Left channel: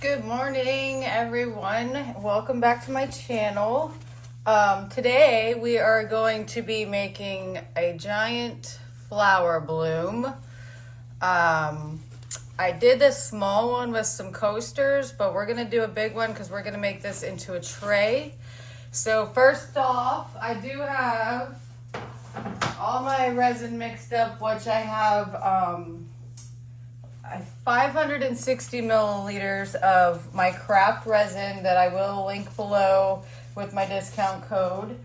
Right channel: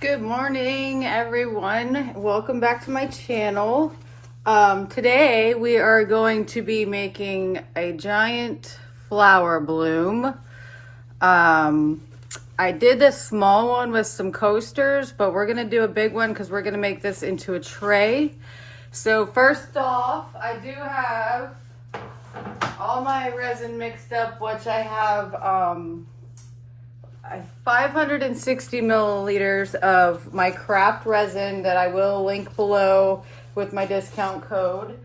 Good morning, everyone. Welcome back to my channel. Today we are going to be making a giant flower bloom. I did this small one with some coasters, but we're gonna do a big one because we're gonna make this into a tray. So first off, I do have all my resin mixed up, which I have 560 milliliters of my craft resin that I will link below with my discount code.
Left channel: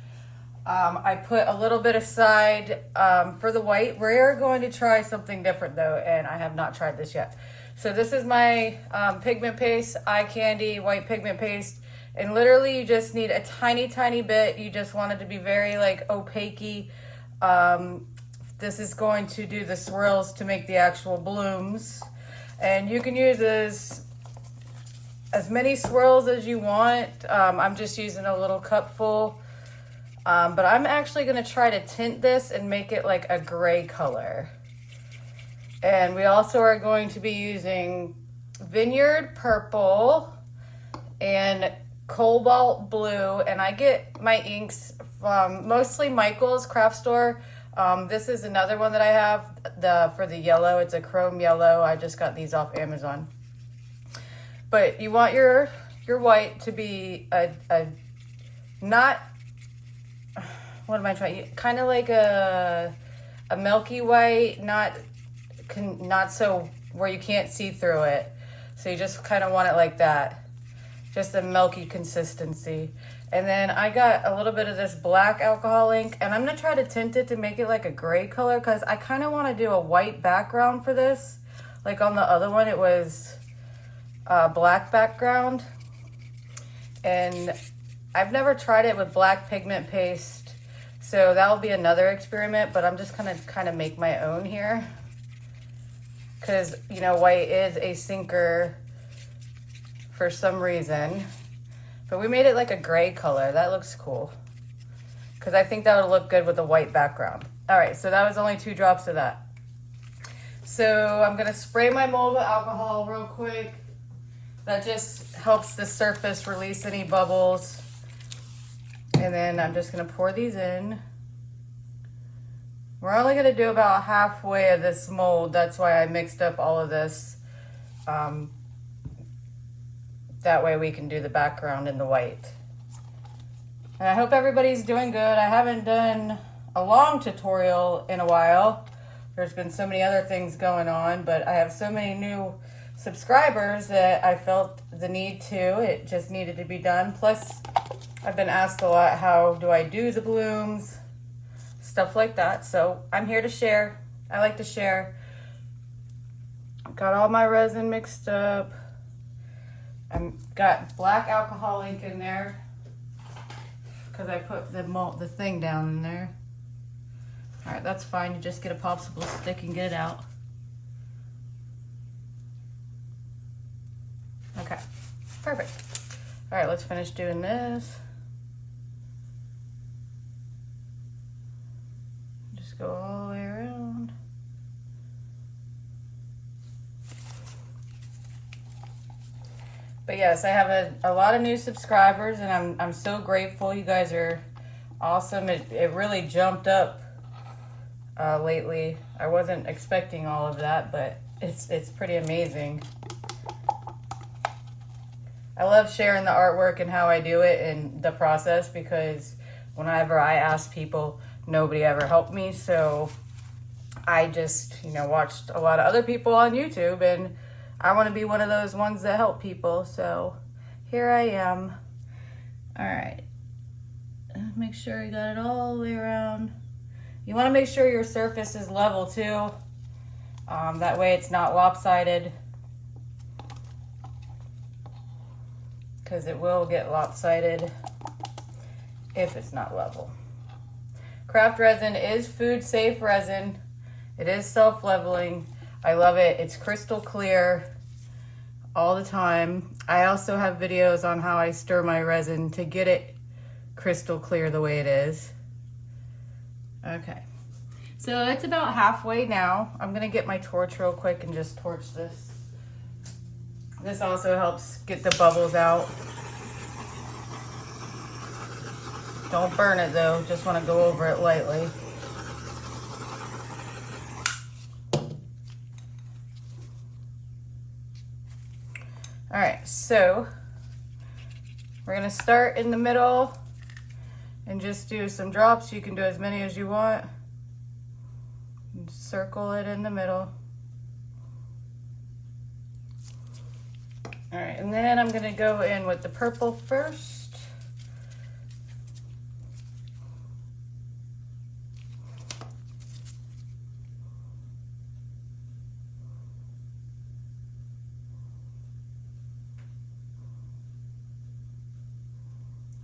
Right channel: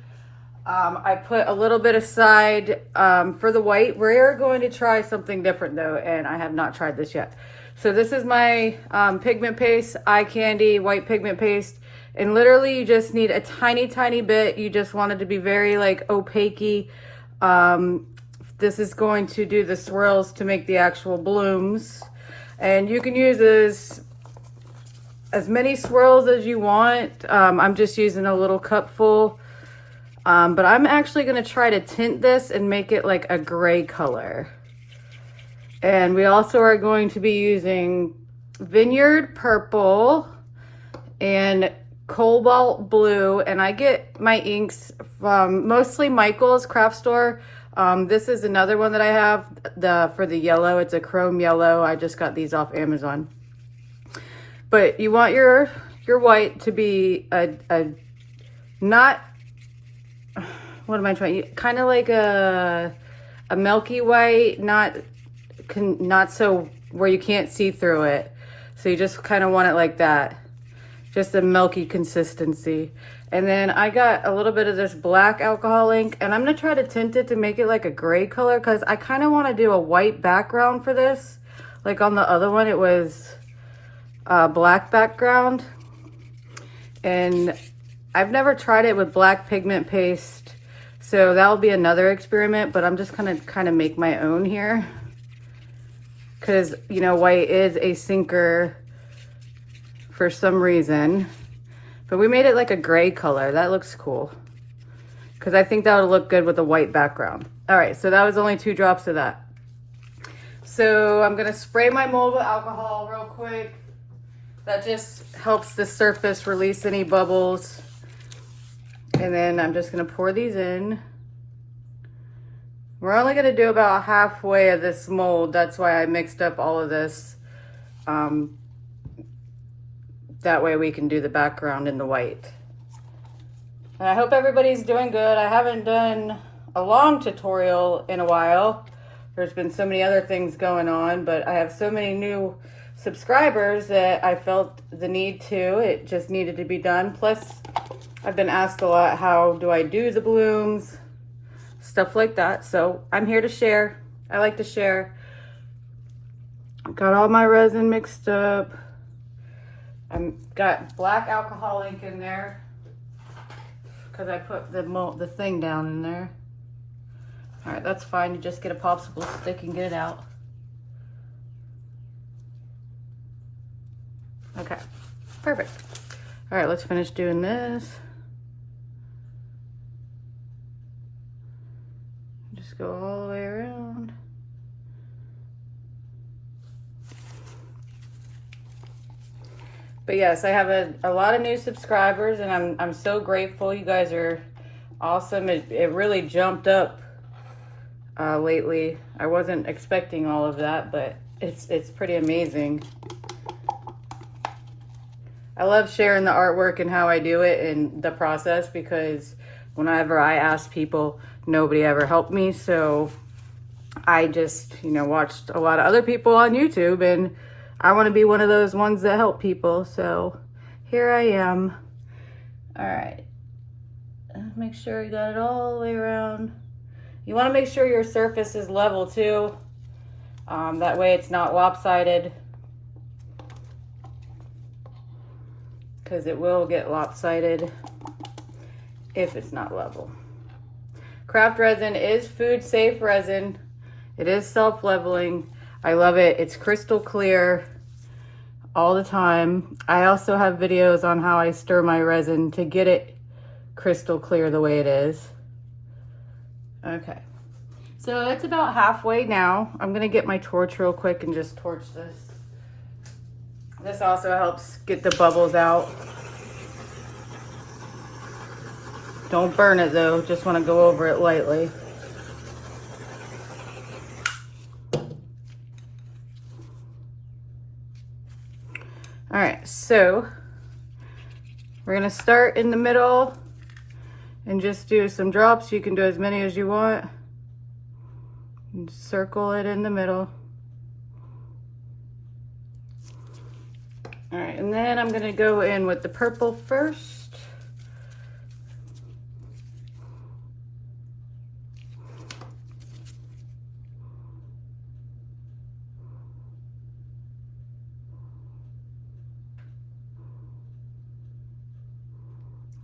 I put a little bit aside for the white. We're going to try something different though, and I have not tried this yet. So this is my pigment paste, eye candy, white pigment paste. And literally you just need a tiny bit. You just want it to be very like opaque. This is going to do the swirls to make the actual blooms. And you can use as many swirls as you want. I'm just using a little cupful. But I'm actually going to try to tint this and make it like a gray color. And we also are going to be using Vineyard Purple and Cobalt Blue. And I get my inks from mostly Michael's craft store. This is another one that I have for the yellow. It's a chrome yellow. I just got these off Amazon. But you want your white to be a not, what am I trying? Kind of like a milky white, not so where you can't see through it. So you just kind of want it like that. Just a milky consistency. And then I got a little bit of this black alcohol ink, and I'm gonna try to tint it to make it like a gray color because I kind of want to do a white background for this. Like on the other one, it was black background. And I've never tried it with black pigment paste, so that'll be another experiment, but I'm just gonna kind of make my own here. Because, you know, white is a sinker for some reason. But we made it like a gray color. That looks cool. Because I think that would look good with a white background. All right, so that was only 2 drops of that. So I'm gonna spray my mold with alcohol real quick. That just helps the surface release any bubbles. And then I'm just gonna pour these in. We're only gonna do about halfway of this mold. That's why I mixed up all of this. That way we can do the background in the white. And I hope everybody's doing good. I haven't done a long tutorial in a while. There's been so many other things going on, but I have so many new subscribers that I felt the need to. It just needed to be done. Plus, I've been asked a lot, how do I do the blooms? Stuff like that. So I'm here to share. I like to share. Got all my resin mixed up. I've got black alcohol ink in there because I put the thing down in there. All right, that's fine. You just get a popsicle stick and get it out. Okay, perfect. All right, let's finish doing this. Just go all the way around. But yes, I have a lot of new subscribers, and I'm so grateful. You guys are awesome. It really jumped up lately. I wasn't expecting all of that, but it's pretty amazing. I love sharing the artwork and how I do it and the process, because whenever I ask people, nobody ever helped me. So I just, watched a lot of other people on YouTube, and I want to be one of those ones that help people. So here I am. All right. Make sure you got it all the way around. You want to make sure your surface is level too. That way it's not lopsided, because it will get lopsided if it's not level. Craft resin is food safe resin. It is self-leveling. I love it. It's crystal clear all the time. I also have videos on how I stir my resin to get it crystal clear the way it is. Okay, so it's about halfway now. I'm gonna get my torch real quick and just torch this. This also helps get the bubbles out. Don't burn it though, just want to go over it lightly. All right, so we're gonna start in the middle and just do some drops. You can do as many as you want. And circle it in the middle. All right, and then I'm gonna go in with the purple first.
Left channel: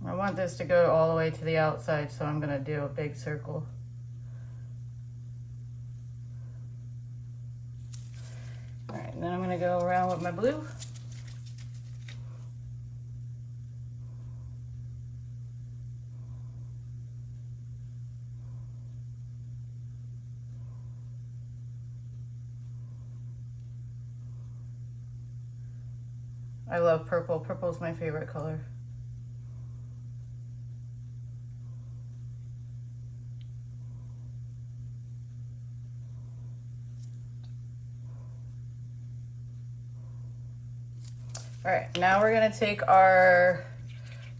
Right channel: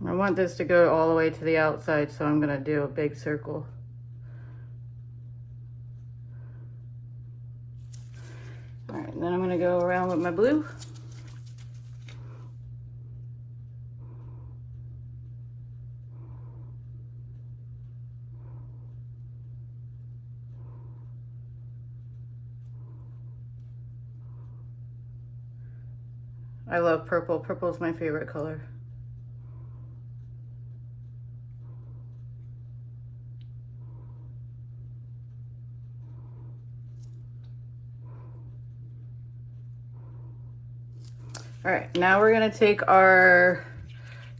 I want this to go all the way to the outside, so I'm gonna do a big circle. All right, and then I'm gonna go around with my blue. I love purple. Purple is my favorite color. All right, now we're gonna take our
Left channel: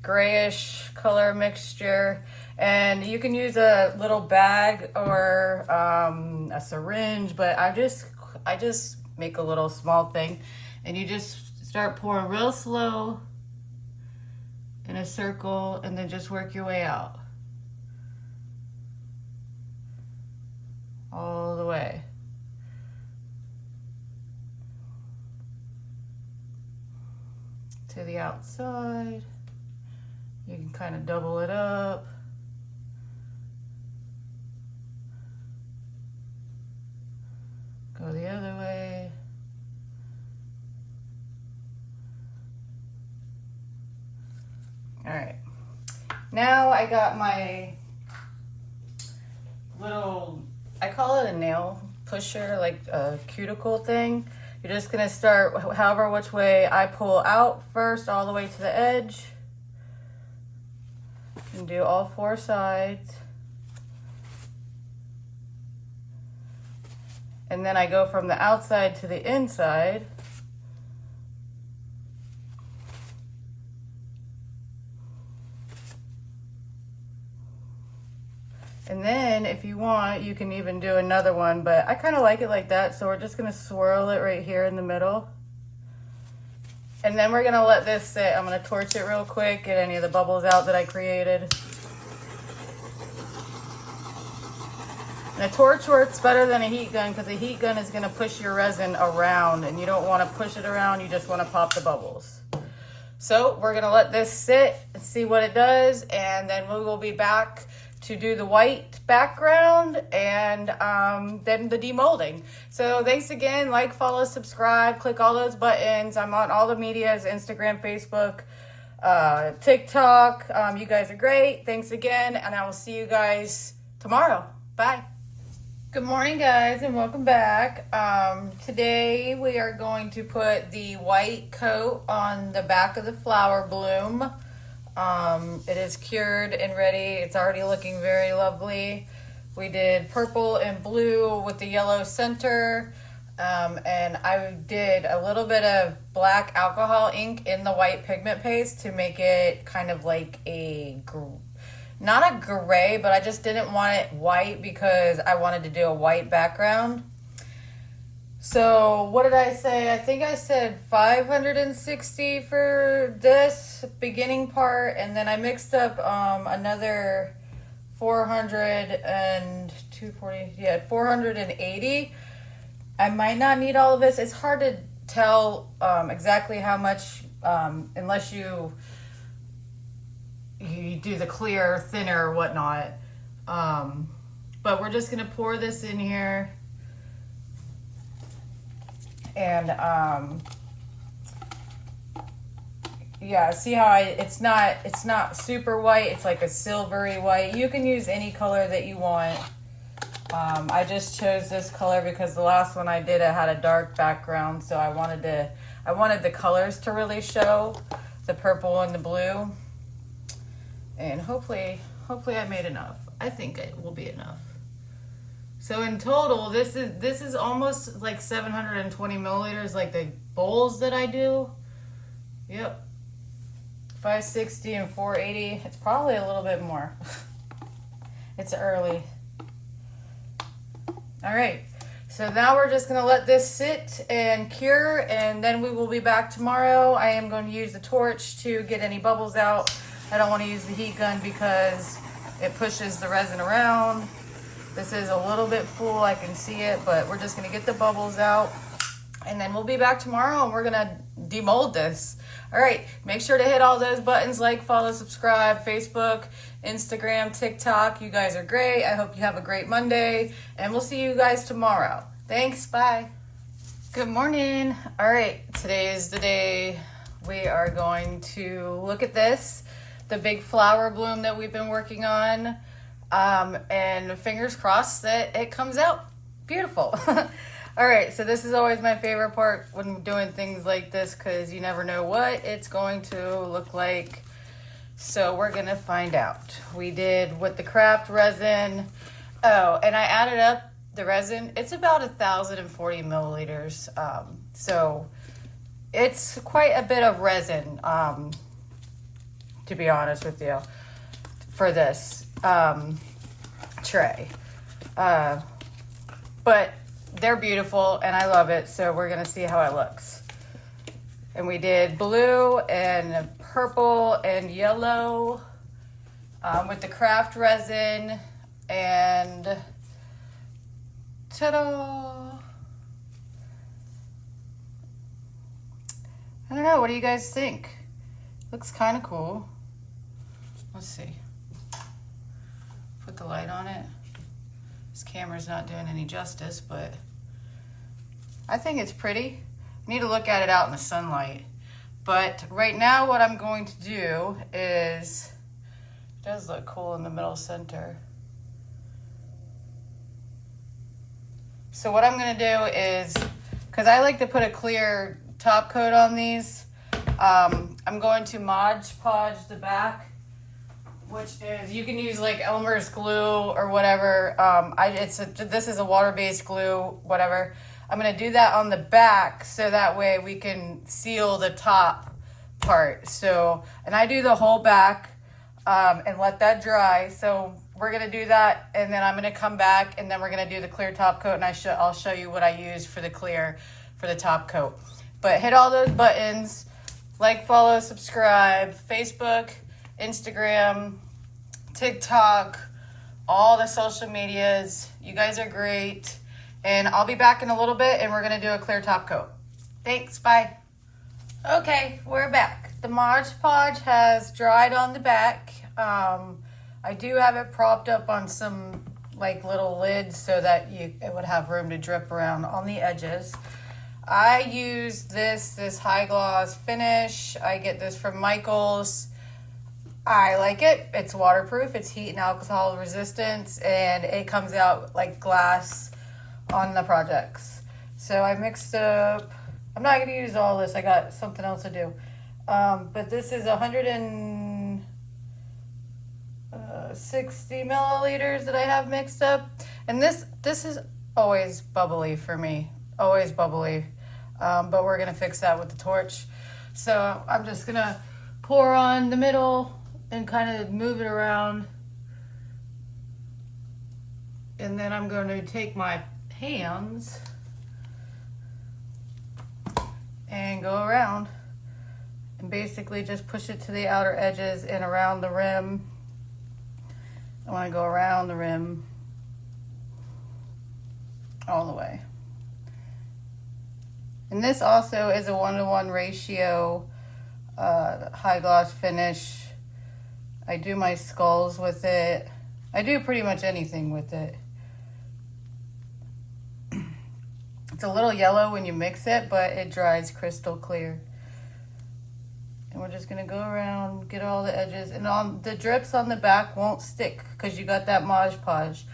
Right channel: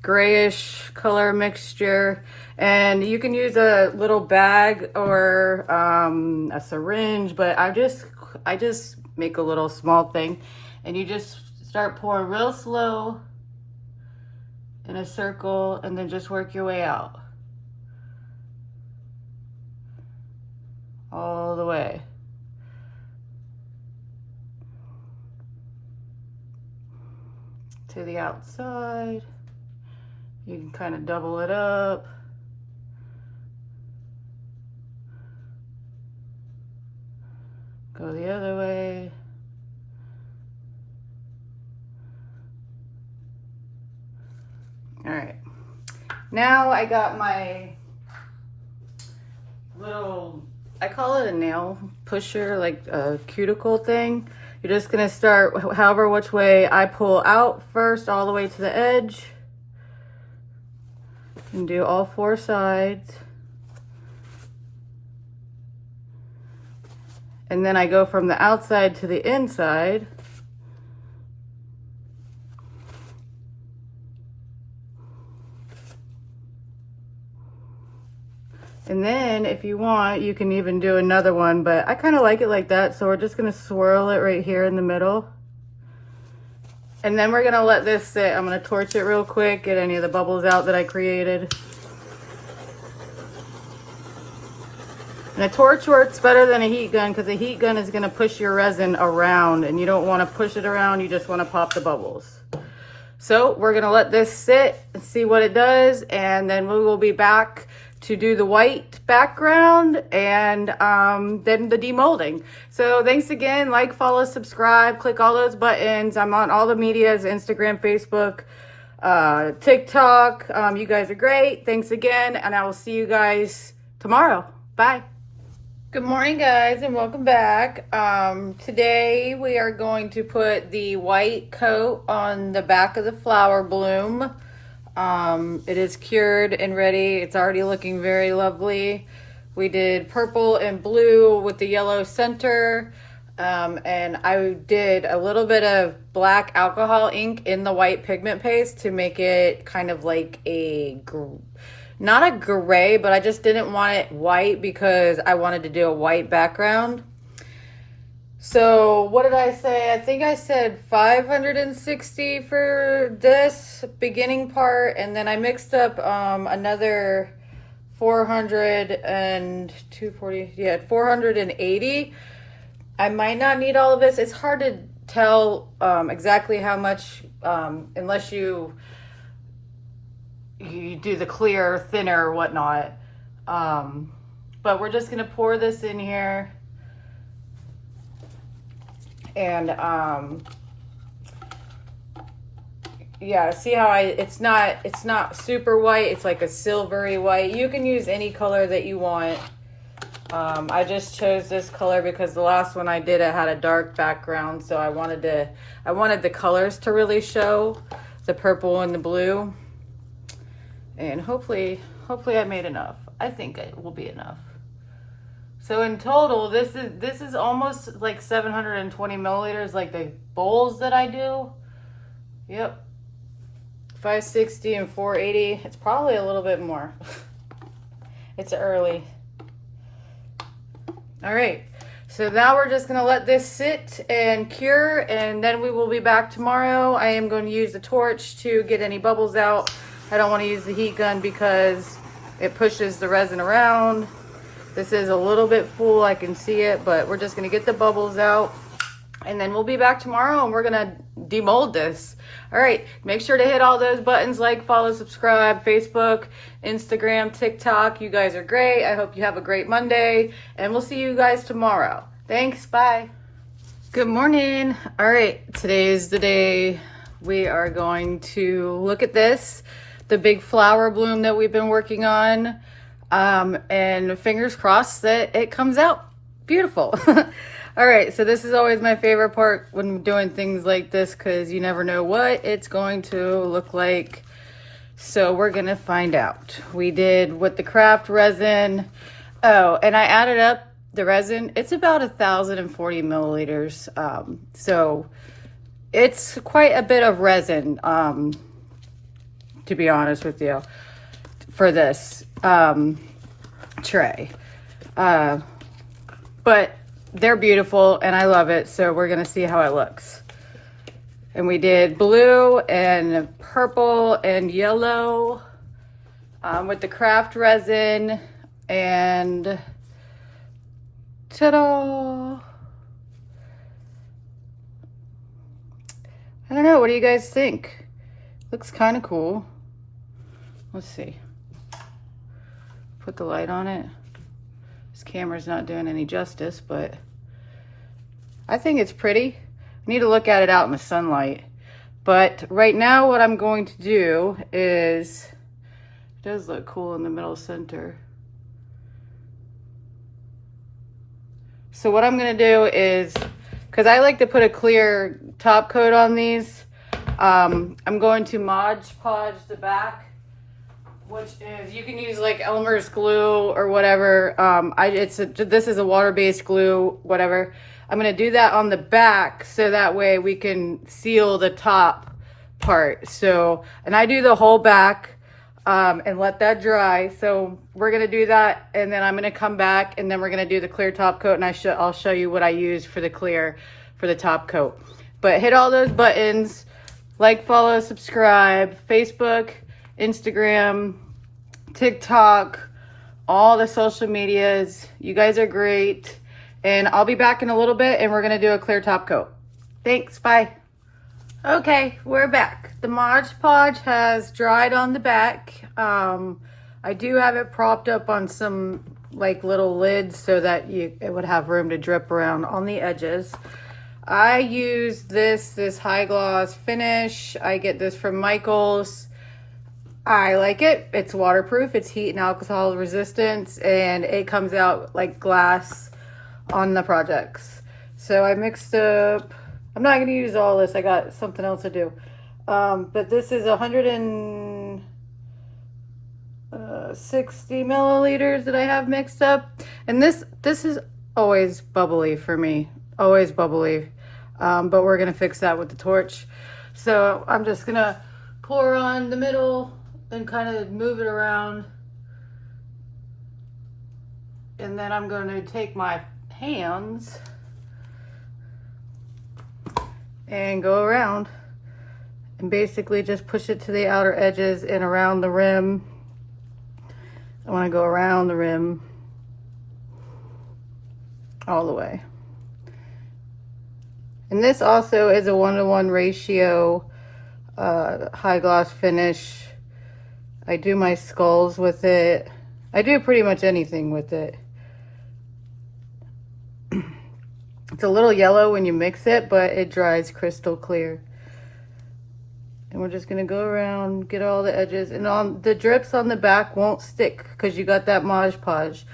grayish color mixture, and you can use a little bag or a syringe, but I just make a little small thing, and you just start pouring real slow in a circle, and then just work your way out all the way. To the outside. You can kind of double it up. Go the other way. All right. Now I got my little, I call it a nail pusher, like a cuticle thing. You're just gonna start however which way I pull out first, all the way to the edge. And do all four sides. And then I go from the outside to the inside. And then if you want, you can even do another one, but I kind of like it like that. So we're just gonna swirl it right here in the middle. And then we're gonna let this sit. I'm gonna torch it real quick, get any of the bubbles out that I created. And a torch works better than a heat gun because a heat gun is gonna push your resin around, and you don't wanna push it around, you just wanna pop the bubbles. So we're gonna let this sit and see what it does, and then we will be back to do the white background and then the demolding. So thanks again, like, follow, subscribe, click all those buttons. I'm on all the medias, Instagram, Facebook, TikTok. You guys are great. Thanks again, and I will see you guys tomorrow. Bye. Good morning, guys, and welcome back. Today we are going to put the white coat on the back of the flower bloom. It is cured and ready. It's already looking very lovely. We did purple and blue with the yellow center, and I did a little bit of black alcohol ink in the white pigment paste to make it kind of like a, not a gray, but I just didn't want it white because I wanted to do a white background. So what did I say? I think I said 560 for this beginning part, and then I mixed up another 480. I might not need all of this. It's hard to tell exactly how much unless you do the clear, thinner, or whatnot. But we're just gonna pour this in here. And yeah, see how it's not super white, it's like a silvery white. You can use any color that you want. I just chose this color because the last one I did, it had a dark background, so I I wanted the colors to really show, the purple and the blue. And hopefully I made enough. I think it will be enough. So in total, this is almost like 720 milliliters, like the bowls that I do. Yep. 560 and 480. It's probably a little bit more. It's early. All right. So now we're just gonna let this sit and cure, and then we will be back tomorrow. I am going to use the torch to get any bubbles out. I don't want to use the heat gun because it pushes the resin around. This is a little bit full, I can see it, but we're just gonna get the bubbles out, and then we'll be back tomorrow and we're gonna demold this. All right, make sure to hit all those buttons, like, follow, subscribe, Facebook, Instagram, TikTok. You guys are great. I hope you have a great Monday, and we'll see you guys tomorrow. Thanks, bye. Good morning. All right, today is the day we are going to look at this, the big flower bloom that we've been working on. And fingers crossed that it comes out beautiful. All right, so this is always my favorite part when doing things like this, because you never know what it's going to look like. So we're gonna find out. We did with the craft resin. Oh, and I added up the resin. It's about 1,040 milliliters. So it's quite a bit of resin, to be honest with you, for this tray. But they're beautiful and I love it, so we're gonna see how it looks. And we did blue and purple and yellow with the craft resin, and ta-da! I don't know, what do you guys think? Looks kind of cool. Let's see. Put the light on it. This camera's not doing any justice, but I think it's pretty. I need to look at it out in the sunlight. But right now what I'm going to do is, it does look cool in the middle center. So what I'm gonna do is, because I like to put a clear top coat on these, I'm going to Mod Podge the back, which is, you can use like Elmer's glue or whatever. This is a water-based glue, whatever. I'm gonna do that on the back so that way we can seal the top part. So, and I do the whole back and let that dry. So we're gonna do that, and then I'm gonna come back and then we're gonna do the clear top coat, and I'll show you what I use for the clear for the top coat. But hit all those buttons, like, follow, subscribe, Facebook, Instagram, TikTok, all the social medias. You guys are great. And I'll be back in a little bit and we're gonna do a clear top coat. Thanks, bye. Okay, we're back. The Mod Podge has dried on the back. I do have it propped up on some like little lids so that it would have room to drip around on the edges. I use this high gloss finish. I get this from Michael's. I like it. It's waterproof, it's heat and alcohol resistance, and it comes out like glass on the projects. So I mixed up, I'm not going to use all this, I got something else to do. But this is 160 milliliters that I have mixed up. And this is always bubbly for me, always bubbly. But we're going to fix that with the torch. So I'm just going to pour on the middle and kind of move it around. And then I'm going to take my hands and go around and basically just push it to the outer edges and around the rim. I want to go around the rim all the way. And this also is a 1-to-1 ratio high gloss finish. I do my skulls with it. I do pretty much anything with it. It's a little yellow when you mix it, but it dries crystal clear. And we're just gonna go around, get all the edges, and all the drips on the back won't stick because you got that Mod Podge.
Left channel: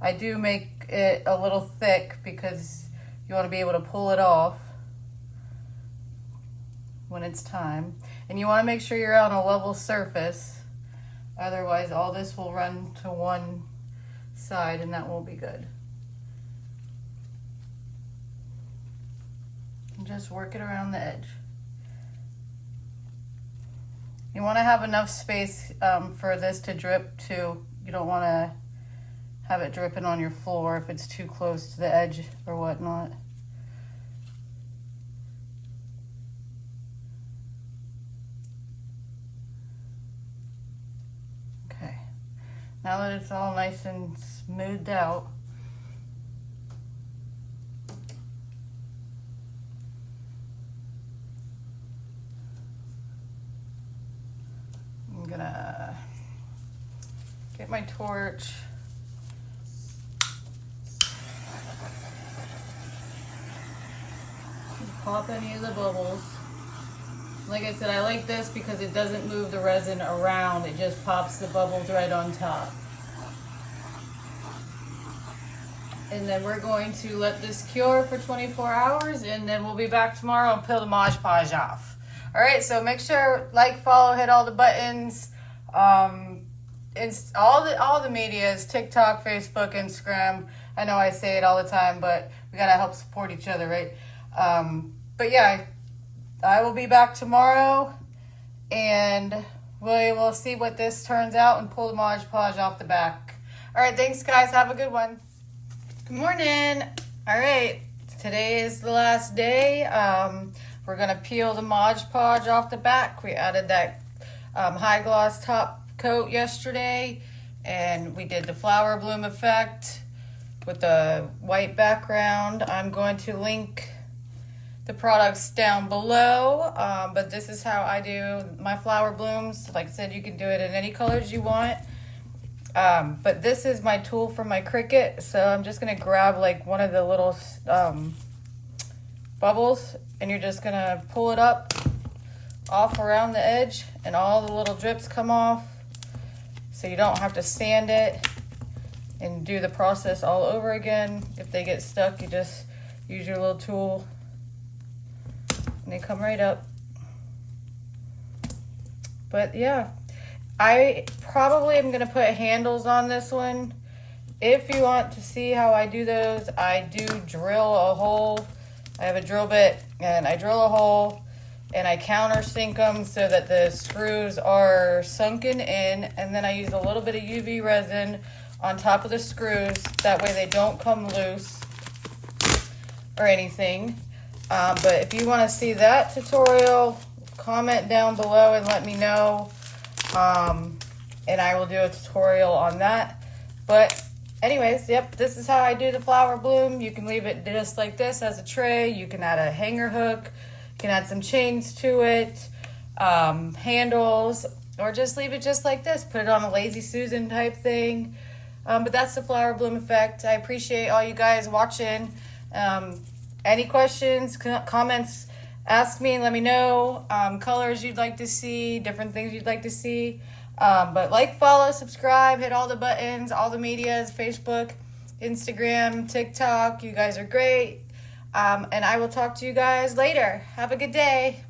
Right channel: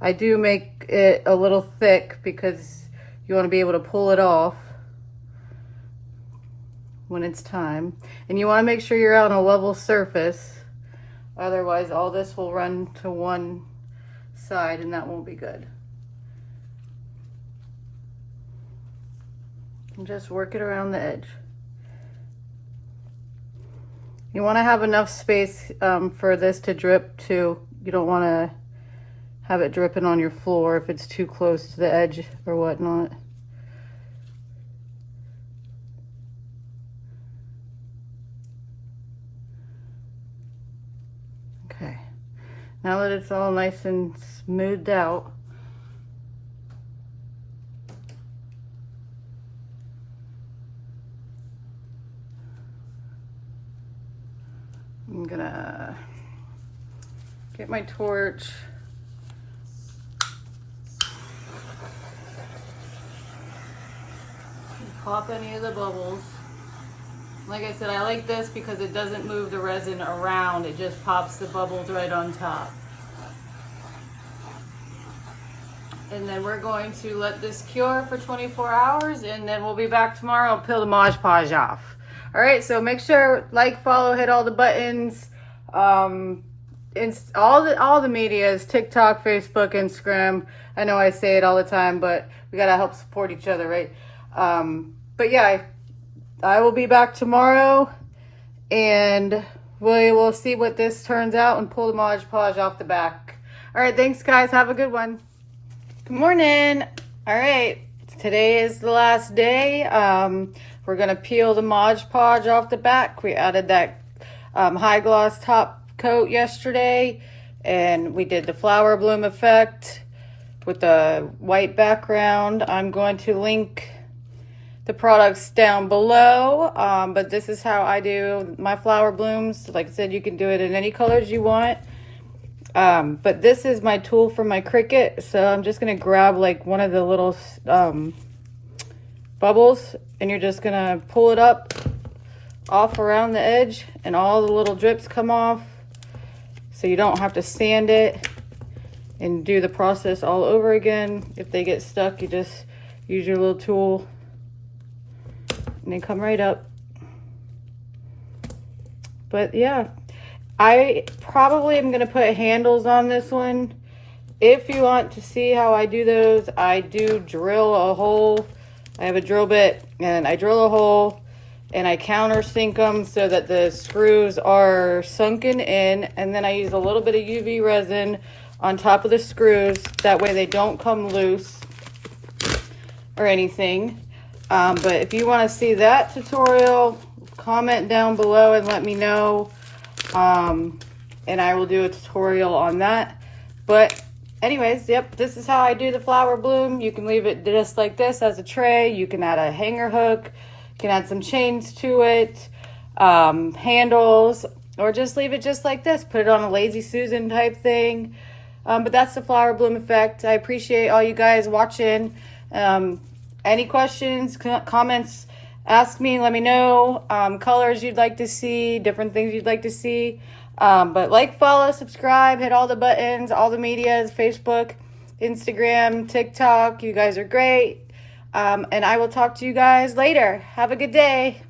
I do make it a little thick because you want to be able to pull it off. when it's time. And you want to make sure you're on a level surface. Otherwise, all this will run to one side and that won't be good. And just work it around the edge. You want to have enough space for this to drip too. You don't want to have it dripping on your floor if it's too close to the edge or whatnot. Okay, now that it's all nice and smoothed out, I'm gonna get my torch. Pop any of the bubbles. Like I said, I like this because it doesn't move the resin around. It just pops the bubbles right on top. And then we're going to let this cure for 24 hours and then we'll be back tomorrow and peel the Mod Podge off. All right, so make sure, like, follow, hit all the buttons. It's all the media is TikTok, Facebook, Instagram. I know I say it all the time, but we gotta help support each other, right? But yeah, I will be back tomorrow and we will see what this turns out and pull the Mod Podge off the back. All right, thanks guys. Have a good one. Good morning. All right, today is the last day. We're gonna peel the Mod Podge off the back. We added that high gloss top coat yesterday and we did the flower bloom effect with the white background. I'm going to link the products down below, but this is how I do my flower blooms. Like I said, you can do it in any colors you want, but this is my tool for my Cricut, so I'm just gonna grab like one of the little bubbles and you're just gonna pull it up off around the edge and all the little drips come off, so you don't have to sand it and do the process all over again. If they get stuck, you just use your little tool and they come right up. But yeah, I probably am gonna put handles on this one. If you want to see how I do those, I do drill a hole. I have a drill bit and I drill a hole and I countersink them so that the screws are sunken in, and then I use a little bit of UV resin on top of the screws. That way they don't come loose or anything. But if you want to see that tutorial, comment down below and let me know, and I will do a tutorial on that. But anyways, yep, this is how I do the flower bloom. You can leave it just like this as a tray. You can add a hanger hook, you can add some chains to it, handles, or just leave it just like this. Put it on a Lazy Susan type thing. But that's the flower bloom effect. I appreciate all you guys watching. Any questions, comments, ask me, let me know. Colors you'd like to see, different things you'd like to see. But like, follow, subscribe, hit all the buttons, all the medias, Facebook, Instagram, TikTok. You guys are great. And I will talk to you guys later. Have a good day.